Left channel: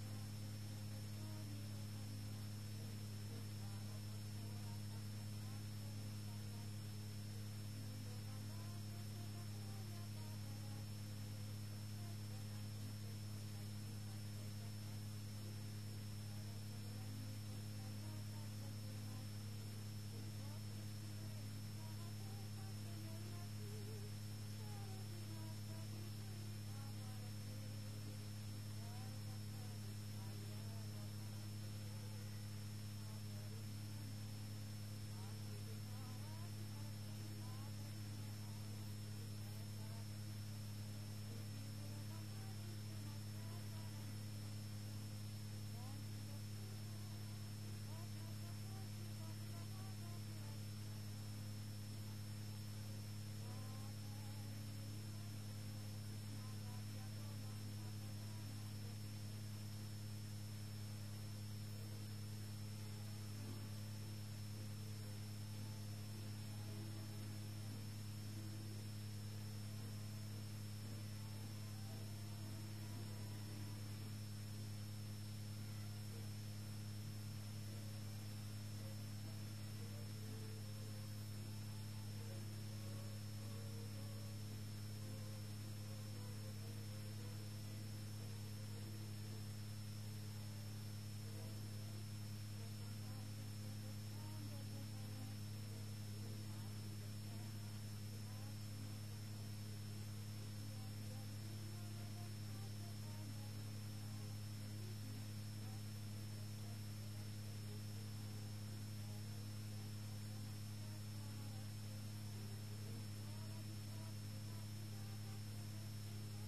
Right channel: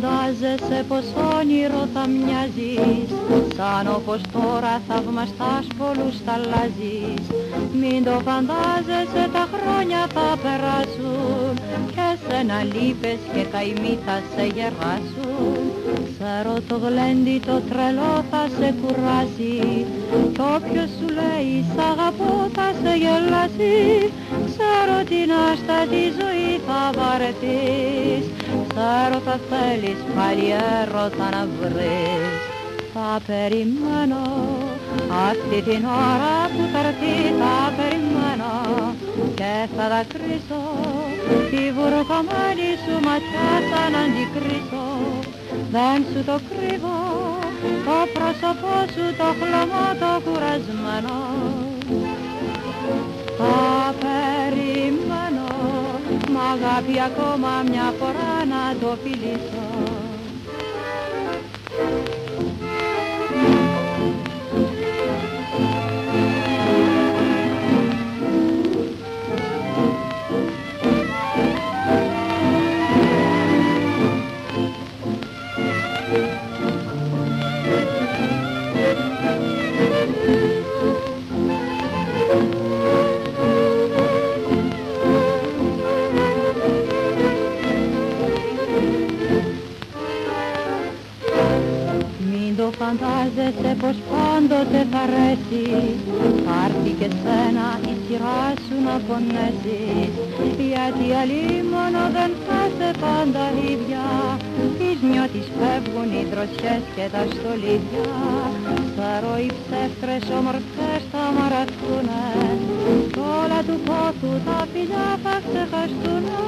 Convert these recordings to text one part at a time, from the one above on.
φαντάζεσαι πως όνειρο θα μοιάζεις, σαν όπως τώρα θαυμαστάς πολλούς θα αλλάζεις. Μην το φαντάζεσαι, τα χρόνια θα περάσουν και σένα λύπες και καημοί θα σε γεράσουν. Ξέρω το γλέντι το τρελό θα σε κουράσει κι όποιος σου λέει σ' αγαπώ θα σε γελάσει. Ξέρω την άστατη ζωή θα βαρεθείς, ξέρω θα θέλεις πάλι έρωτα να βρεις. Θα περιμένω αυτή την ώρα που θα έρθει, θα περιμένω και θα δακρύσω τη βουρκωμένη σου ματιά σαν αντικρίσω. Δεν σου το κρύβω, το πρόσωπό σου το χλωμό το κουρασμένο. Θα περιμένω, μ' αγάπη ακόμα μια φορά να το φιλήσω. Φαντάζεσαι πως πάντοτε θα αρέσει, θα έρθει και σένα η σειρά σου να πονέσεις. Γιατί αλίμονο δεν θα σε πάντα ίδια, τις νιώτης φεύγουν οι δροσιές και τα στολίδια. Ξέρω οι ψεύτρες ομορφές θα μαραθούνε, κι όλα του πόθου τα φιλιά θα ξεχαστούνε.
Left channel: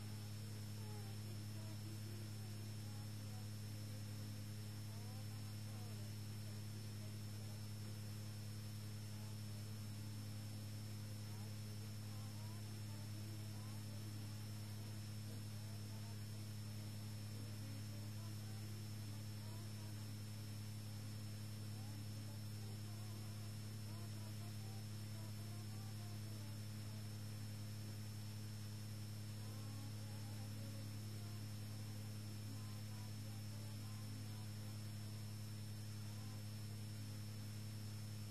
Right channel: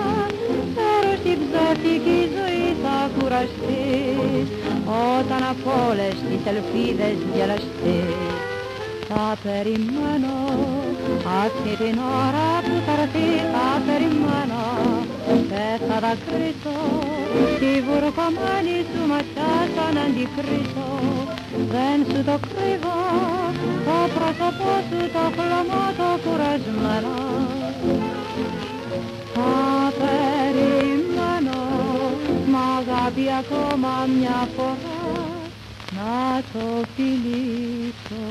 Ξέρω στην ψεύτικη ζωή θα κουραστείς, όταν από όλες τις ελπίδες γελαστείς. Θα περιμένω αυτή την ώρα που θα έρθει, θα περιμένω και θα δακρύσω τη βουρκωμένη σου ματιά σαν αντικρίσω. Δεν σου το κρύβω, το πρόσωπό σου το χλωμό το κουρασμένο. Θα περιμένω, μ' αγάπη ακόμα μια φορά να το φιλήσω.